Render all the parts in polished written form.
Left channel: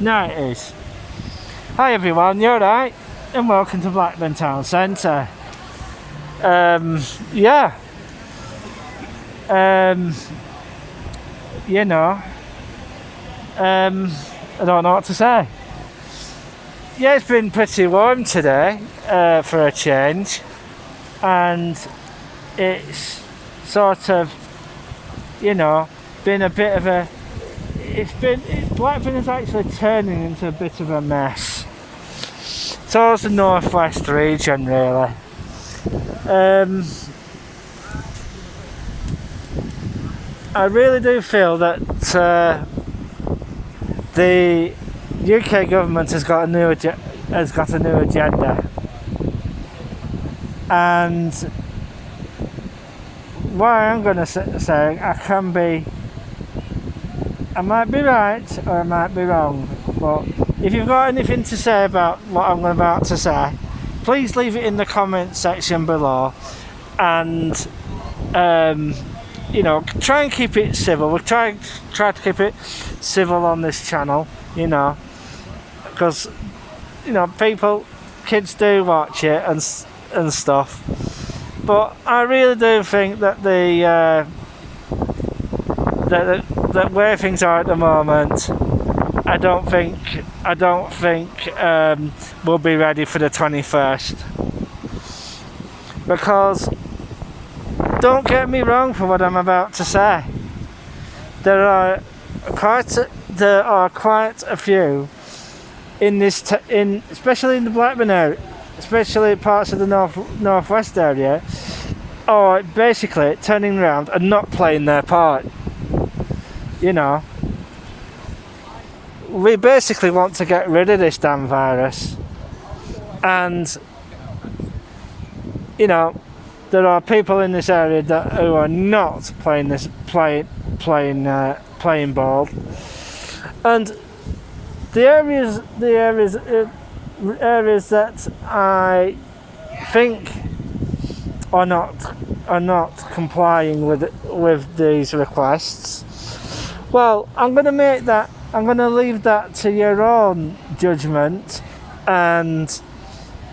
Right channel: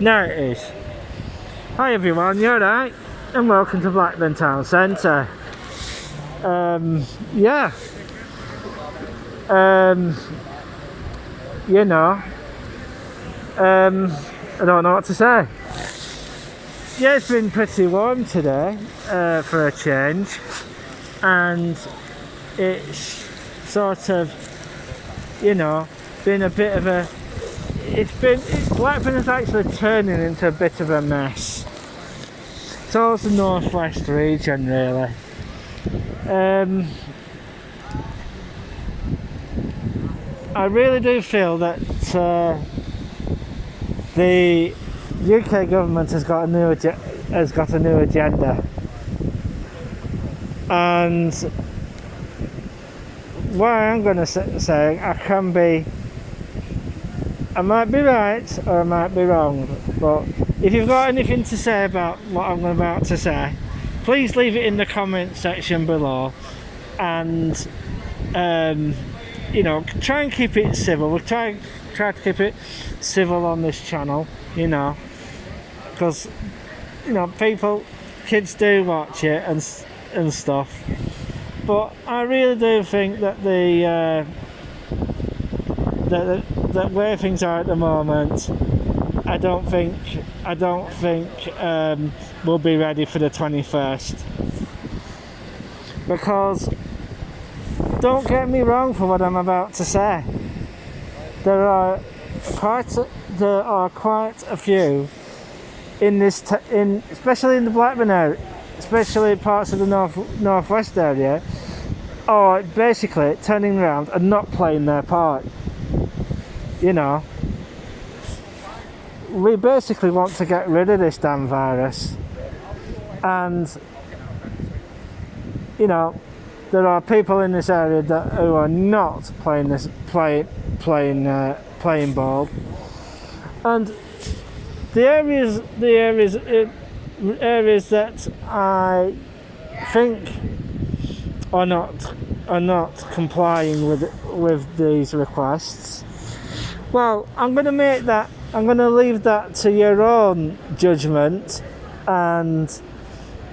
Now it is. Hi everyone, you alright? And welcome to Blackburn Town Centre. Yeah. You know. I don't know what to say. Yeah, it's been pretty warm today, for a change. And it's sort of, you know, been a bit of a... Blackburn is actually turning into a bit of a mess. Towards the northwest region, really. I really do feel that the UK government has got a new agenda, and what I am going to say, I might be right or I might be wrong, but if you've got anything to say about what I'm about to say, please leave it in the comment section below, and you know, try and keep it civil. We'll try to keep it civil on this channel, you know, because, you know, kids do watch it and stuff, but I really do think that that where things are at the moment, I don't think we'll be ready for the 21st. Because, don't get me wrong for what I'm about to say, there are quite a few in this especially in the Blackburn area, especially parts of the northwest area, are basically turning around and not playing their part. You know, we basically want to get rid of this damn virus, and you know, there are people in this area who are not playing ball, and the areas that I think are not complying with these requests. Well, I'm going to leave that to your own judgment, and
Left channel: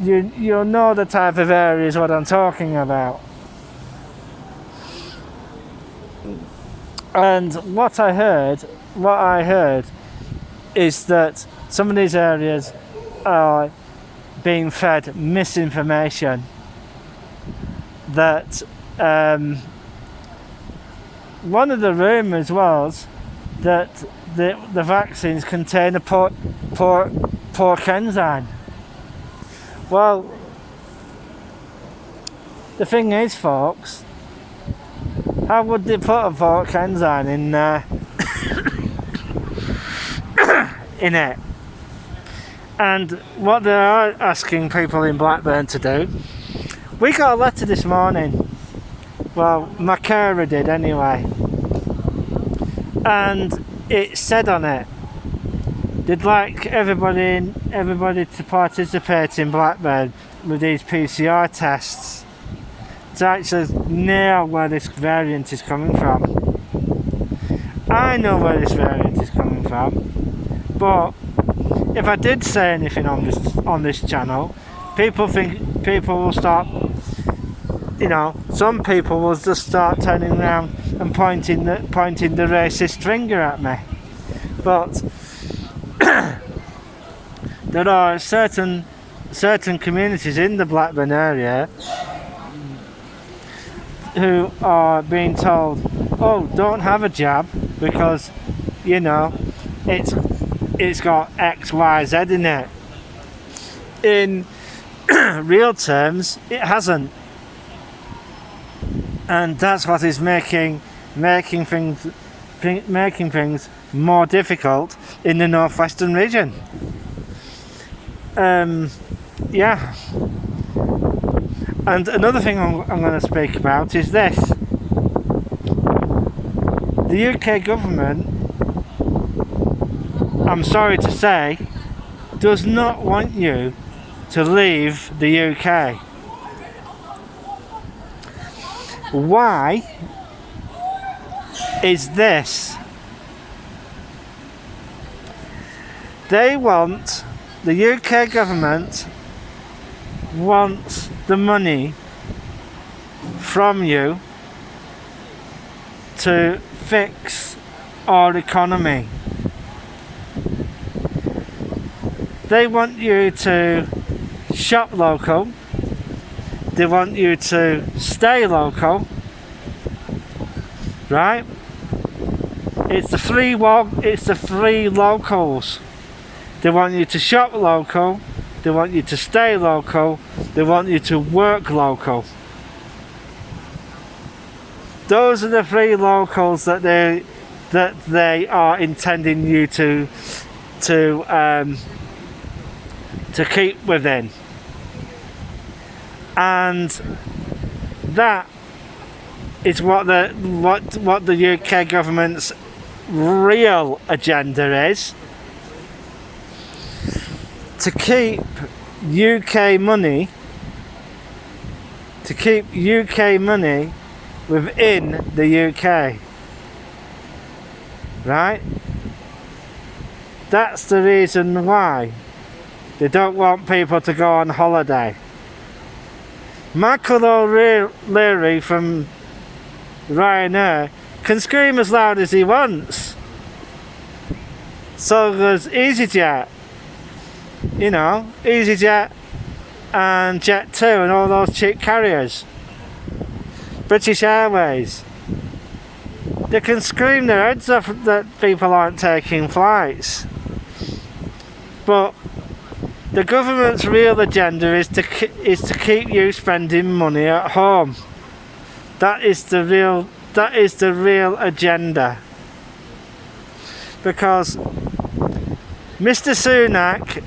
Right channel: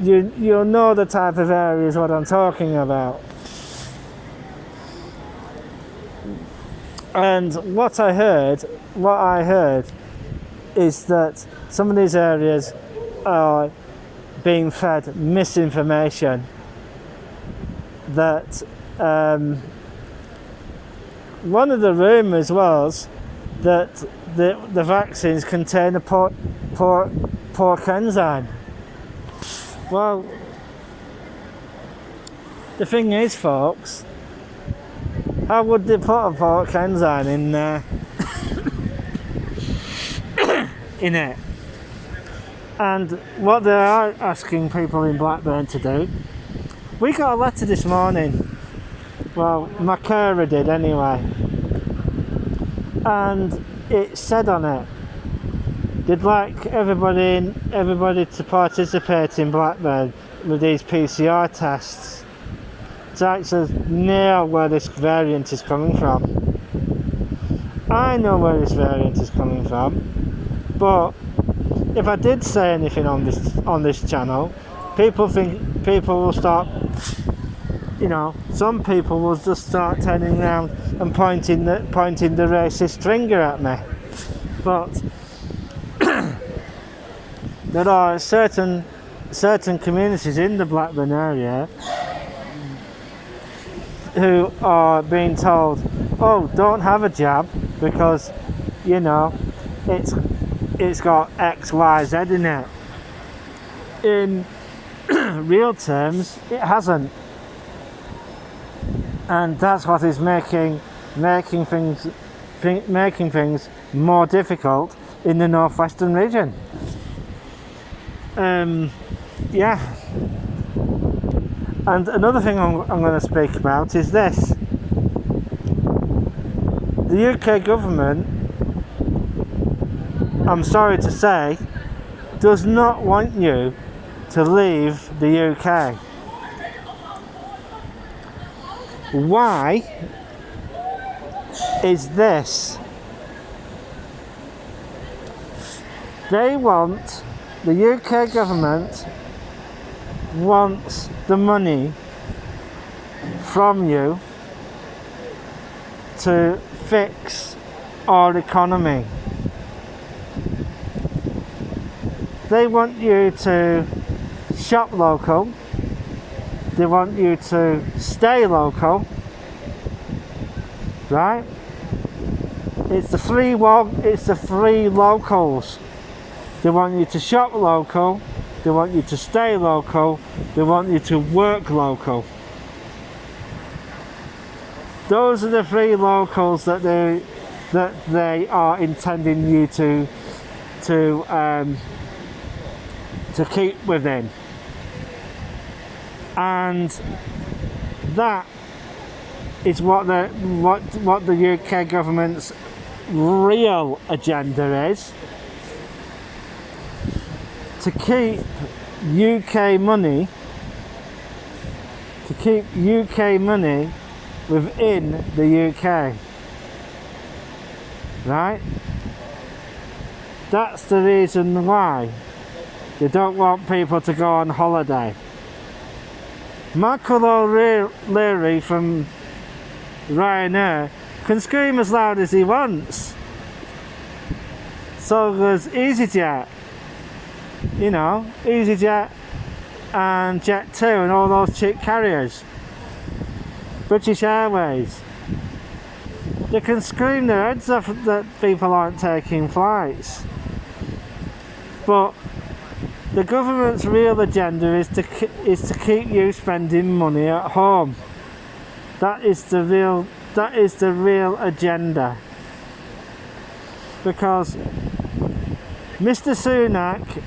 you'll know the type of areas what I'm talking about. And what I heard is that some of these areas are being fed misinformation, that one of the rumours was that the vaccines contain a pork enzyme. Well, the thing is, folks, how would they put a pork enzyme in there? in it? And what they are asking people in Blackburn to do, we got a letter this morning. Well, my carer did anyway. And it said on it, they'd like everybody to participate in Blackburn with these PCR tests to actually know where this variant is coming from. I know where this variant is coming from, but if I did say anything on this channel, people will start, you know, some people will just start turning around and pointing the racist finger at me. But there are certain communities in the Blackburn area who are being told, oh, don't have a jab because, you know, it's got X, Y, Z in it. In real terms, it hasn't, and that's what is making things more difficult in the northwestern region. Yeah. And another thing I'm going to speak about is this. The UK government, I'm sorry to say, does not want you to leave the UK. Why is this? The UK government wants the money from you to fix our economy. They want you to shop local. They want you to stay local, right? It's the free locals. They want you to shop local. They want you to stay local. They want you to work local. Those are the free locals that they are intending you to keep within. And that is what the UK government's real agenda is. To keep UK money within the UK. Right? That's the reason why they don't want people to go on holiday. Michael O'Leary from Ryanair can scream as loud as he wants. So there's EasyJet, EasyJet and Jet2 and all those cheap carriers. British Airways. They can scream their heads off that people aren't taking flights. But the government's real agenda is to keep you spending money at home. That is the real agenda. Because Mr. Sunak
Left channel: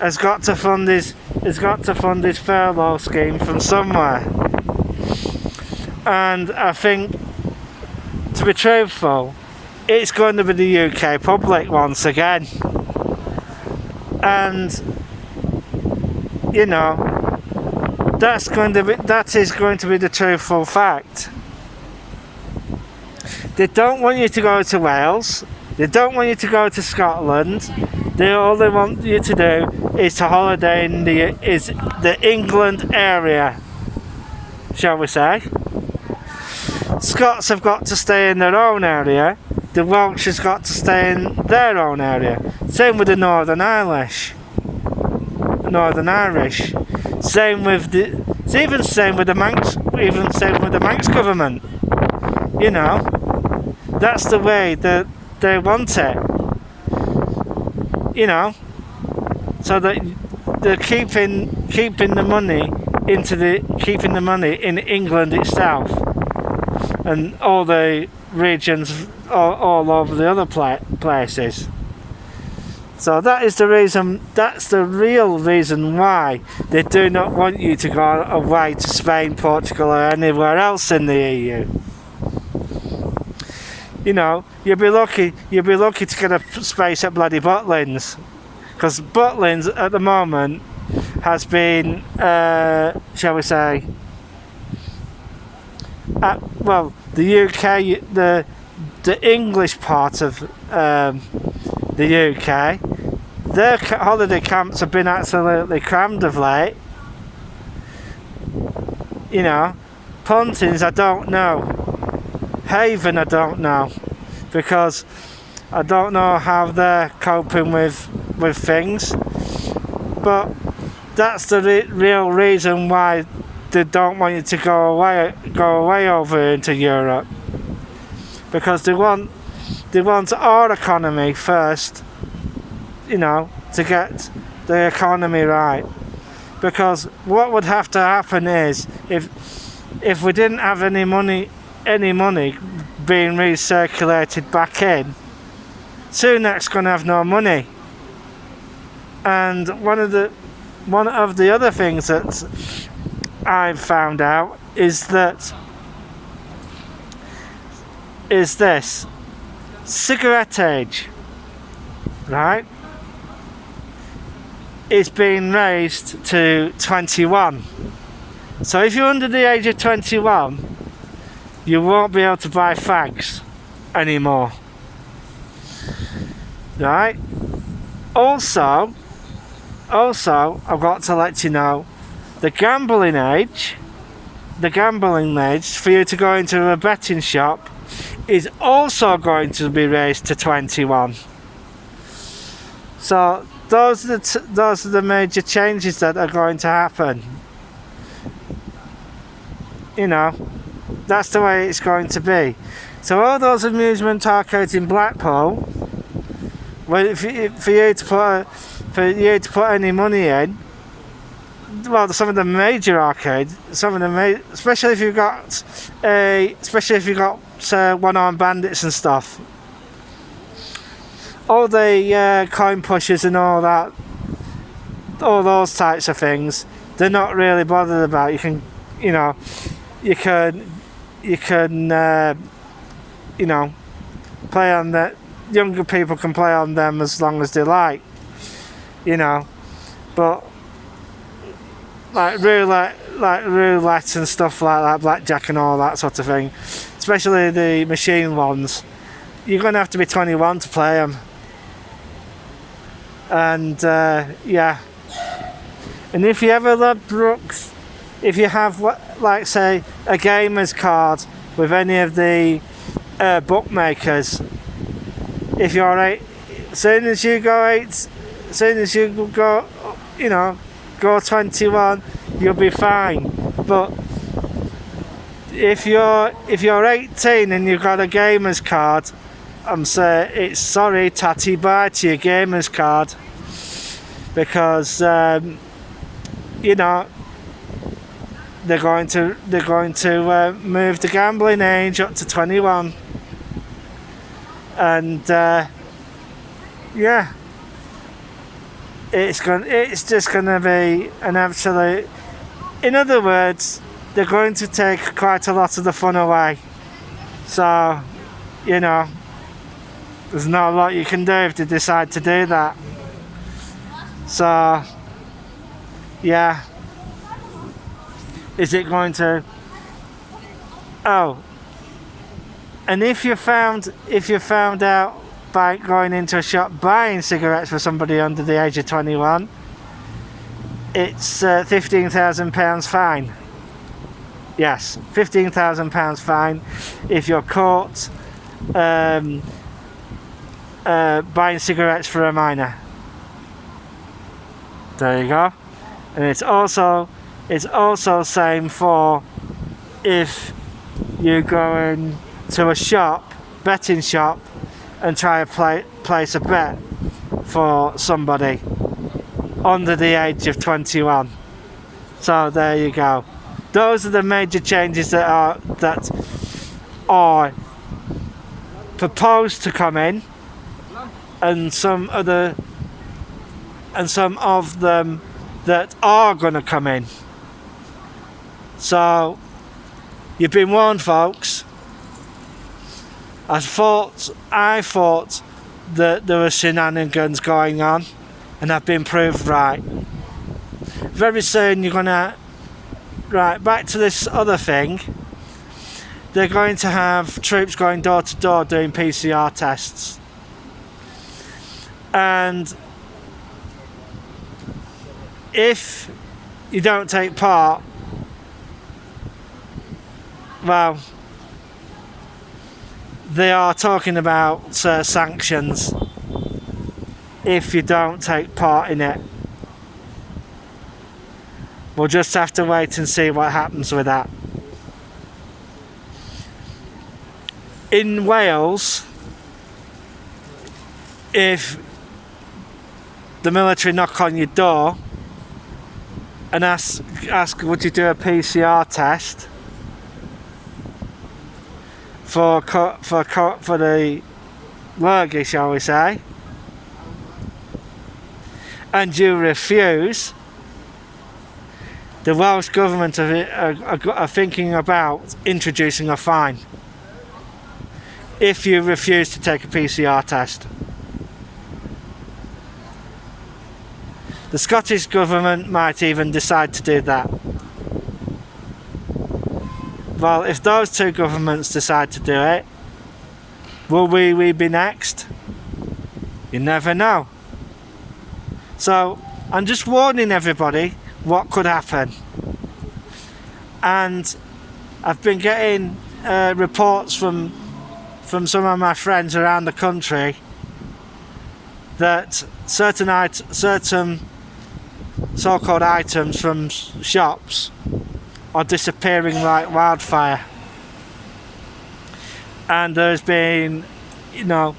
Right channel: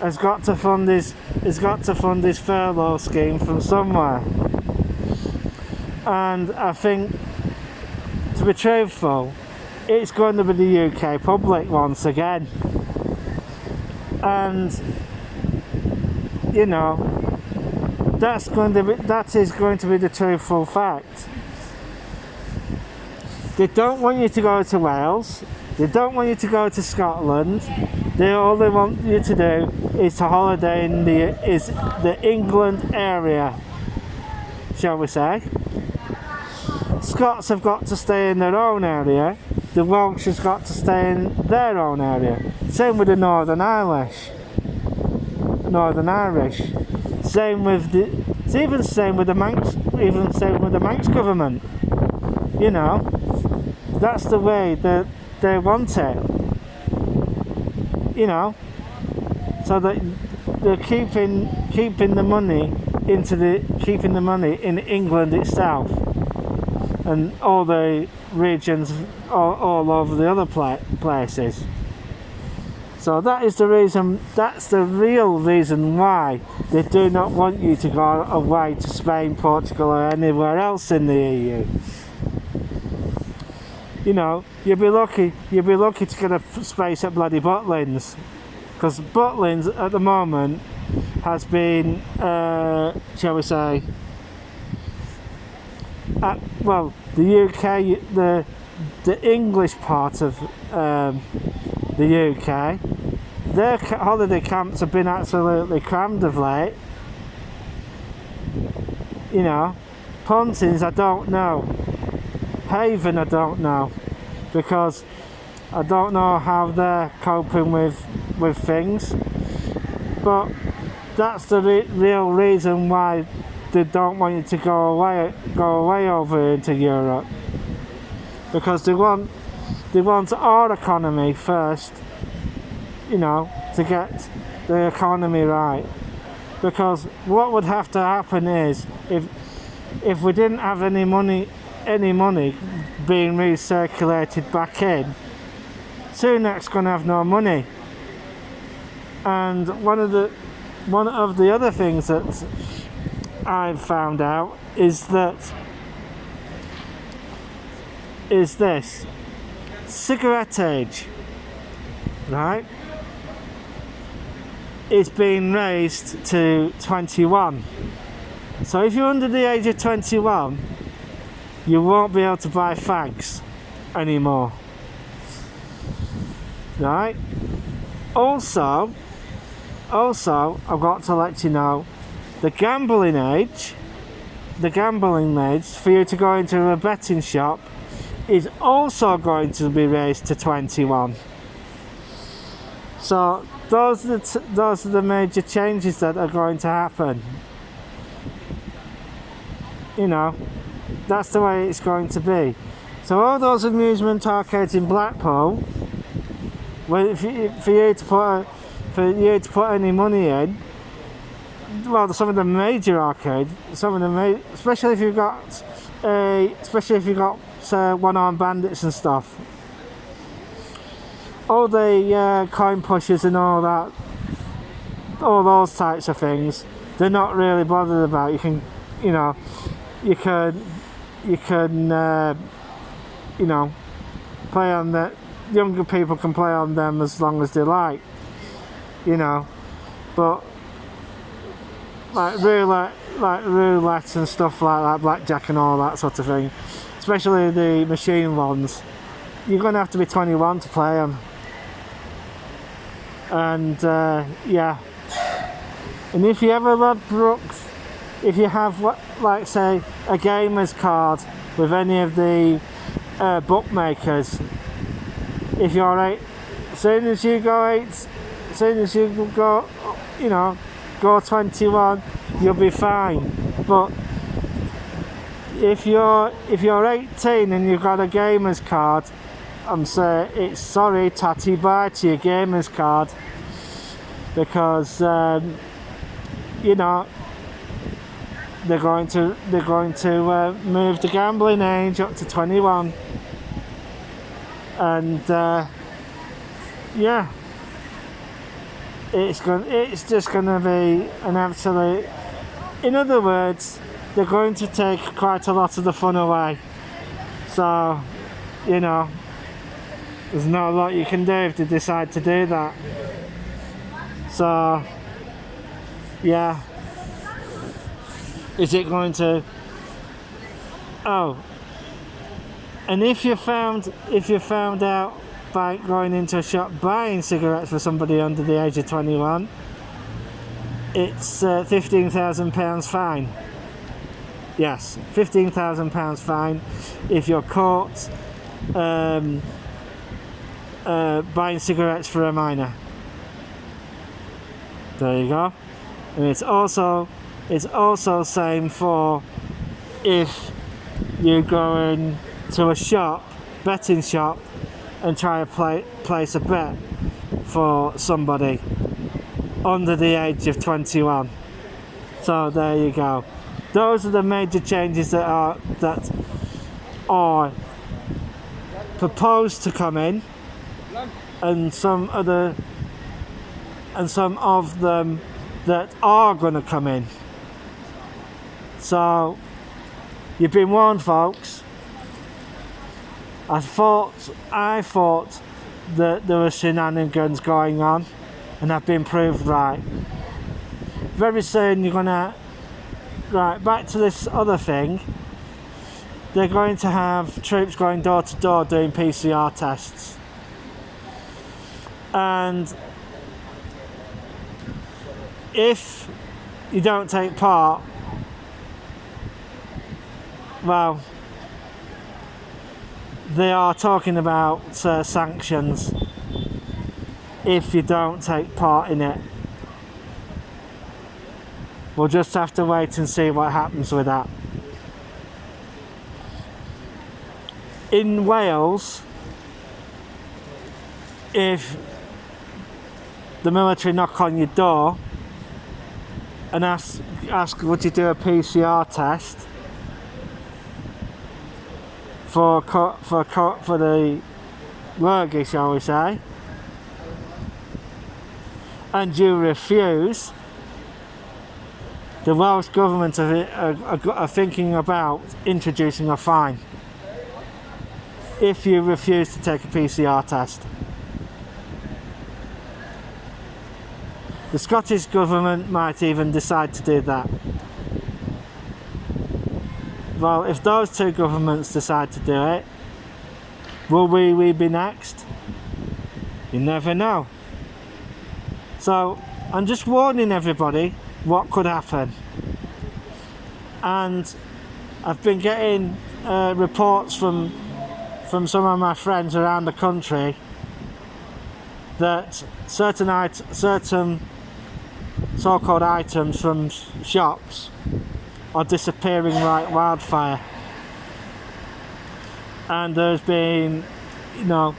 has got to fund his furlough scheme from somewhere. And I think, to be truthful, it's going to be the UK public once again. And that is going to be the truthful fact. They don't want you to go to Wales. They don't want you to go to Scotland. All they want you to do is to holiday in the England area, shall we say. Scots have got to stay in their own area. The Welsh has got to stay in their own area. Same with the Northern Irish. Same with the Manx government. That's the way that they want it. So that they're keeping the money in England itself, and all the regions all over the other places. So that is the reason. That's the real reason why they do not want you to go away to Spain, Portugal, or anywhere else in the EU. You'll be lucky to get a space at bloody Butlins, because Butlins at the moment has been, shall we say, the UK, the English part of the UK, their holiday camps have been absolutely crammed of late. Pontins, I don't know. Haven, I don't know, because I don't know how they're coping with things. But that's the real reason why they don't want you to go away over into Europe, because they want our economy first, to get the economy right. Because what would have to happen is, if we didn't have any money being recirculated back in, Sunak's going to have no money. And one of the other things that I've found out is this cigarette age, right, is being raised to 21. So if you're under the age of 21, you won't be able to buy fags anymore. right? Also, I've got to let you know, the gambling age for you to go into a betting shop is also going to be raised to 21. So those are the major changes that are going to happen. You know, that's the way it's going to be. So all those amusement arcades in Blackpool, well, for you to put any money in, well, some of the major arcades, especially if you've got one-armed bandits and stuff, all the coin pushers and all that, all those types of things, they're not really bothered about. You can play on that. Younger people can play on them as long as they like, but like roulette and stuff like that, blackjack and all that sort of thing, especially the machine ones, you're going to have to be 21 to play them. And yeah, and if you ever love Brooks, if you have say a gamer's card with any of the bookmakers, if you're as soon as you go 21, you'll be fine. But if you're 18 and you've got a gamer's card, I'm saying it's sorry, tatty bye to your gamer's card, because they're going to move the gambling age up to 21, and yeah, it's just gonna be an absolute. In other words, they're going to take quite a lot of the fun away. So, there's not a lot you can do if they decide to do that. So, yeah. Is it going to? Oh. And if you found out by going into a shop buying cigarettes for somebody under the age of 21, it's £15,000 fine. Yes, £15,000 fine if you're caught buying cigarettes for a minor. There you go. And it's also same for if you go into a betting shop, and try to place a bet for somebody under the age of 21. So there you go. Those are the major changes that are proposed to come in, and some of them that are going to come in. So you've been warned, folks. I thought that there were shenanigans going on, and I've been proved right. Very soon you're gonna, right, back to this other thing. They're going to have troops going door to door doing PCR tests. And if you don't take part, well, they are talking about sanctions if you don't take part in it. We'll just have to wait and see what happens with that. In Wales, if the military knock on your door and ask would you do a PCR test for the lurgy, shall we say, and you refuse, the Welsh government are thinking about introducing a fine if you refuse to take a PCR test. The Scottish government might even decide to do that. Well, if those two governments decide to do it, will we be next? You never know. So I'm just warning everybody what could happen. And I've been getting reports from some of my friends around the country that certain so-called items from shops are disappearing like wildfire, and there's been, you know,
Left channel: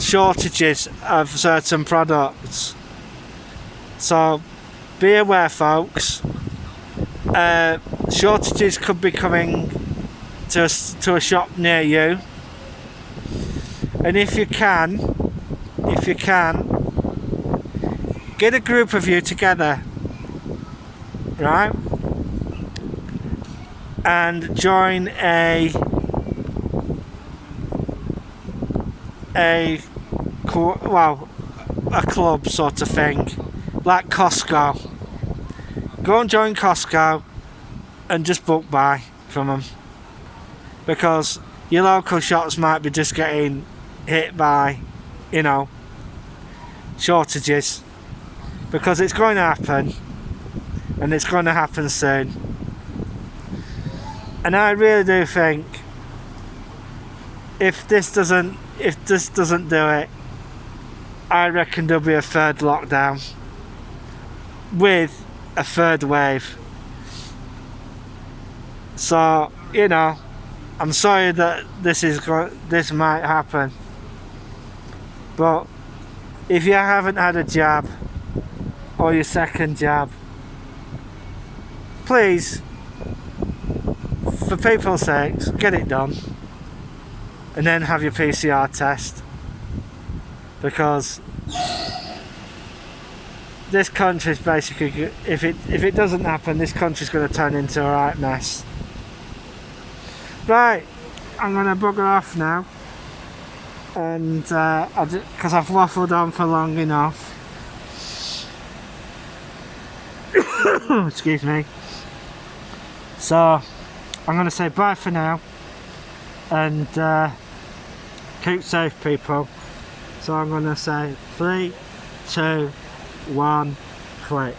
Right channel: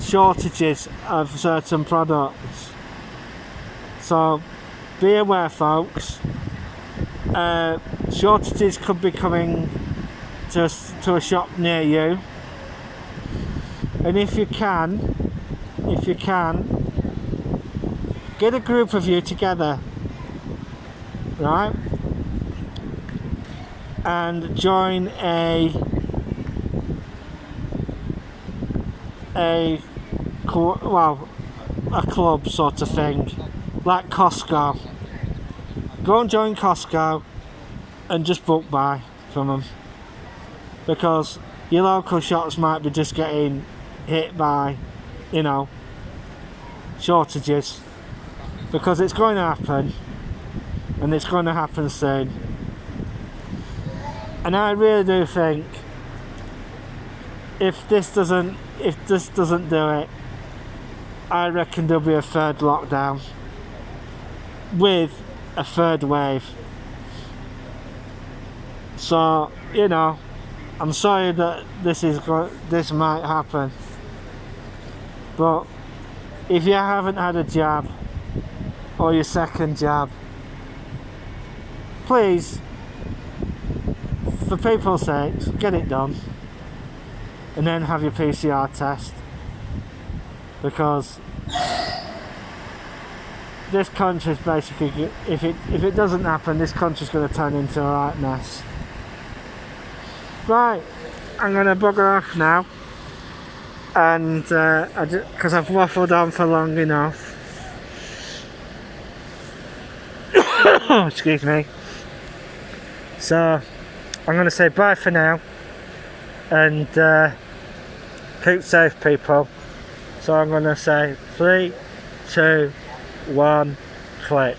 shortages of certain products. So be aware, folks. Shortages could be coming to a shop near you, and if you can, get a group of you together, right, and join a club sort of thing, like Costco. Go and join Costco and just book buy from them, because your local shops might be just getting hit by, you know, shortages, because it's going to happen, and it's going to happen soon. And I really do think if this doesn't do it, I reckon there'll be a third lockdown with a third wave. So, you know, I'm sorry that this might happen, but if you haven't had a jab or your second jab, please, for people's sakes, get it done, and then have your PCR test, because this country's basically, if it doesn't happen, this country's going to turn into a right mess. Right, I'm going to bugger off now, and because I've waffled on for long enough. Excuse me. So I'm going to say bye for now, and keep safe, people. So I'm going to say 3, 2, 1, click.